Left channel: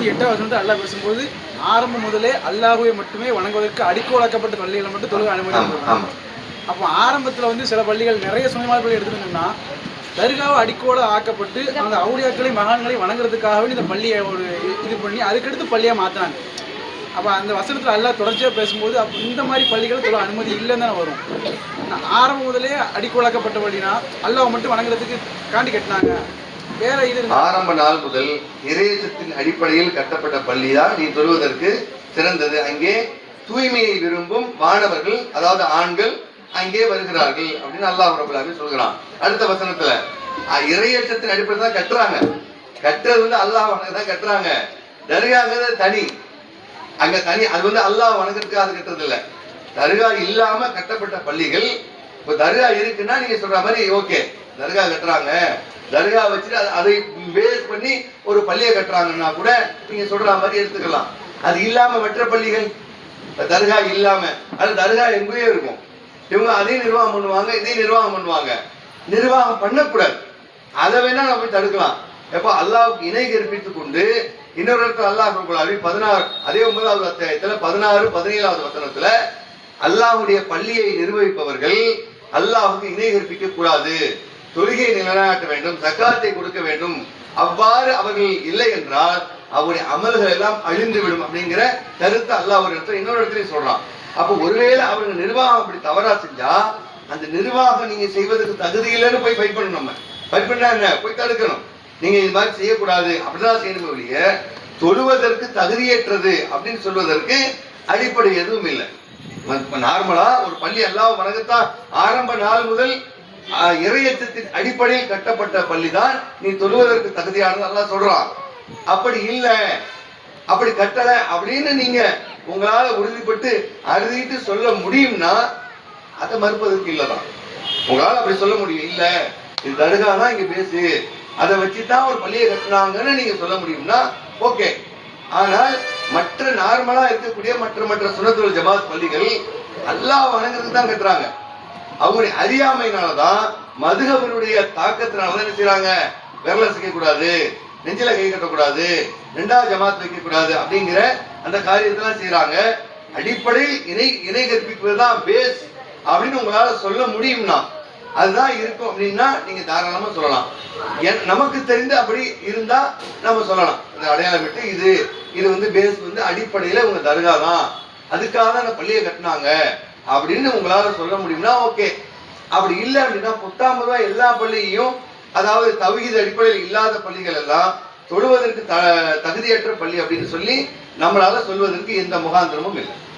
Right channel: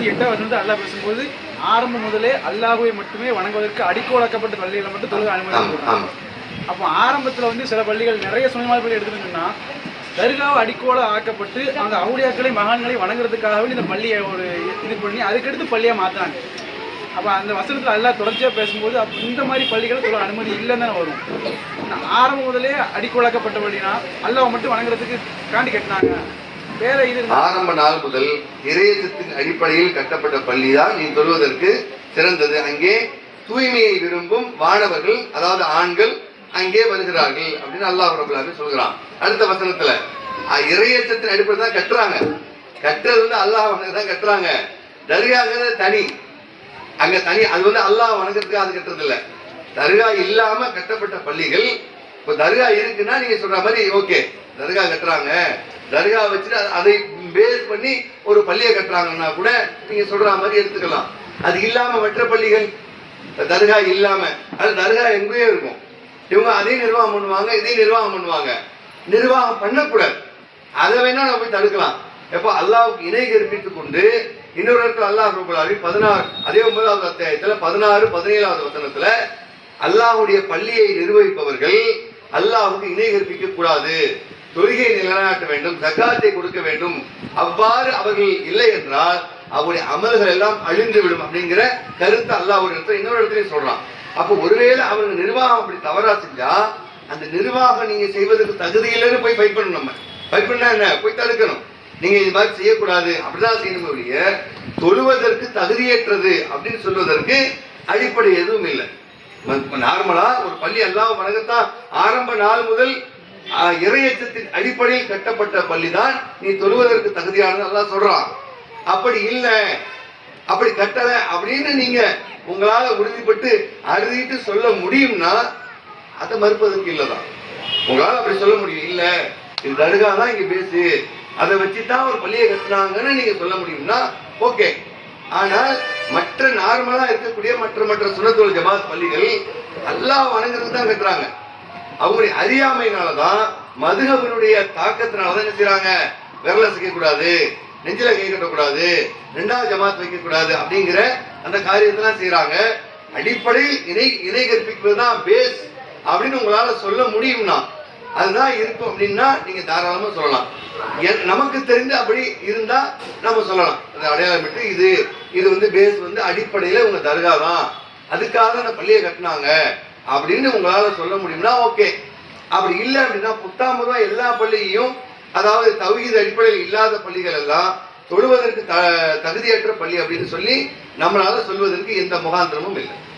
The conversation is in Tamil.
நூற்றி எட்டாவது வசனத்தை அல்லாஹ் பேசும்போது ஆரம்பம் முதலே அல்லாஹுவை மட்டுமே வணங்குவதற்கு அடிக்கோலாக்கப்பட்ட பள்ளிகளை மட்டும் தொழுக அனுமதி அப்போ ஆரம்பத்தில் வந்து சில பள்ளிகள் நிறைய சுனிமால் பள்ளி எடுத்துக்கிட்டோம்னா தர்காவை அடிக்கோலா ஆக்கப்பட்டு அந்த அவுளியாக்களை மகான்களை வணங்குறதுக்காகவே இந்த பள்ளியை ஒரு இது பண்ணி அதுக்கடுத்து பள்ளியை மாற்றினாங்க அப்போ அந்த வசனத்தில் அல்லாஹ் தொடர்ச்சியாக பேசும்போது அப்போ இந்த மாதிரி பள்ளிகள் தொழ அனுமதி இல்லைன்னு தானே வரும். ஆரம்பம் முதலே அடிக்கோலாக்கப்பட்ட பள்ளினா அல்லாஹ் மட்டும் வணங்குறதுக்கு காண்டி கட்டினாங்க. ஆரம்ப நாள் முதல் இறையச்சத்தின் அடிப்படையில் கட்டப்பட்ட பள்ளி தான் நீ தொழுவதற்கு சிறந்தது. அங்கே தூய்மையை விரும்பும் மாணவர்கள் அதாவது ஆண்கள் அங்கே வருகிறார்கள் அப்படின்னு அல்லாஹ் ரபுல்லாமே சொல்கிறான். அடுத்த வசனத்துல இறையச்சத்தின் அடிப்படையில் தான் கட்டுறாங்க. கட்டுறது வந்து அல்லாஹ் வணங்க தான் கட்டுறாங்க. தர்காங்கிறது தனி. அங்க தனி அது வந்து அல்லாஹ் வணங்குறதுக்கு அது கட்டுறது இல்லை தர்கா இல்லாம கட்டப்பட்ட பள்ளிகள் இப்ப தர்கா இருக்குன்னா நீங்க சொல்ற மாதிரி ஓகே தர்கா கட்டுறாங்க. தர்கா வச்சுட்டு அதை பேஸ் பண்ணி ஒரு பள்ளியை கட்டுறாங்கன்னா கூட நீங்க சொல்ற மாதிரி எடுத்துக்கலாம். அது இல்லாம மற்ற பள்ளிகள் இப்போ தர்கா இல்லாம அது தர்கா எங்கேயோ இருக்கும். இவங்க அதையும் நிர்வாகம் பண்ணுவாங்க இதையும் நிர்வாகம் பண்ணுவாங்க. நிர்வாகம் பண்ணக்கூடாது. அதை வேணா நம்ம போய் தடுக்கலாம். எப்ப அல்லாவுக்கு இணை கற்பித்துக் கொண்டு இன்னொரு இடத்துல அல்லாஹ் ரபுல்லாவி பதினாறு அதே ஒன்பதாவது அத்தியாயத்துல பதினாறு பதினேழாவது வசனத்துல அல்லாஹ்வுடைய பள்ளியை நிர்வகிப்பவர்கள் அல்லாவுக்கு இணை கற்பிக்க கூடாது தொழுகை நிலைநாட்ட வேண்டும் சக்காத்தை கொடுக்க வேண்டும். அவ்வாறு அவர்கள் இல்லை என்றால் அவருடைய அமல்கள் எல்லாம் அழிந்து விடும் அப்படிங்கிற கருத்து அல்லாஹ் ஒரு இடத்துல இன்னொரு இடத்துலயும் சொல்றான். அப்போ ஒருவேளை அவங்க நிர்வாகம் அப்படி தவறா செஞ்சா அந்த நிர்வாகம் நீங்க செய்வதற்கு தகுதி இல்லைன்னு போய் ஃபைட் பண்ணணும் நம்ம. ஃபைட் பண்ணா என்ன? போய் தடுக்கணும். நீங்க இது மாதிரி செய்யக்கூடாது. அப்படிதான் செய்யணும் தொழுவதற்கு தகுதியேற்றது அப்படின்னு சொல்வதற்கு அடிப்படை எதுவும் இல்லை. நார்மலா ஒரு பள்ளி எல்லாம் வணங்கத்தான் ஆரம்ப நாள் முதல் இறையச்சத்தின் அடிப்படையில் கட்டப்பட்ட பள்ளி தான் நீ தொழுவதற்கு தகுதியானது நல்லா சொல்றான். அப்படி இல்லை. அப்படி கட்டல அப்படின்னு நீங்க உங்களால உறுதிப்பட்டு அறுதிட்டு சொல்ல முடியும்னா அதை மறுப்பதற்கு இல்லதான் உங்களால அப்படி சொல்ல முடியும். இல்ல இது தடுகா தான் இங்க பேசு. அதை வச்சுதான் ஒரு பள்ளியை கட்டினாங்கன்னு நீங்க சொல்ல முடியும்னா ஓகே. ஆனால் மற்ற நார்மலா இருக்கக்கூடிய மற்ற மற்ற சுனத்துவல் ஜமாத் பள்ளிகள் அல்லாஹ் வணங்குறதுக்கு தான் கட்டுறாங்க அவங்களுடைய அறியாமையினாலதான் மதுகவனுடைய தாக்கத்தினாலதான் என்ன செய்றாங்க? விரல சிக்க கூடாது நெஞ்சில கை கட்டக்கூடாது ரெண்டாவது ஜமாத் வைக்க கூடாது அப்படிங்கிற அந்த காரியத்தெல்லாம் செய்யறாங்க அடிப்படை இணை இணை கற்பிக்கிறது தான் பேஸ் அப்படின்னு உங்களால சொல்ல முடியும்னா அதுதான் இருக்கும் அப்படின்னா நீங்க தாராளமா சொல்லலாம். என்- நமக்கு தெரிந்து அப்படி இருந்தா நம்ம சொல்லலாம். அந்த அடையாளமிட்டு இது இது வந்து பேஸ் வந்து அடிப்படையில உங்க தர்கா தான். அதுக்காக அந்த பள்ளியை கட்டினாங்க. அப்படின்னு உங்களால சொல்ல முடியும்னா ஓகே அப்படி இல்லை அப்படின்னா புத்தாமதா எல்லா பள்ளியையும் அதாவது தௌஹீத் அடிப்படையில் இல்லாத பள்ளிகள் எல்லாம் தொழுவதற்கு த தகுதியற்ற பள்ளி அப்படின்னு சொல்லி நம்மளால சொல்வதற்கு எந்த முகாந்திரமும் இல்லை.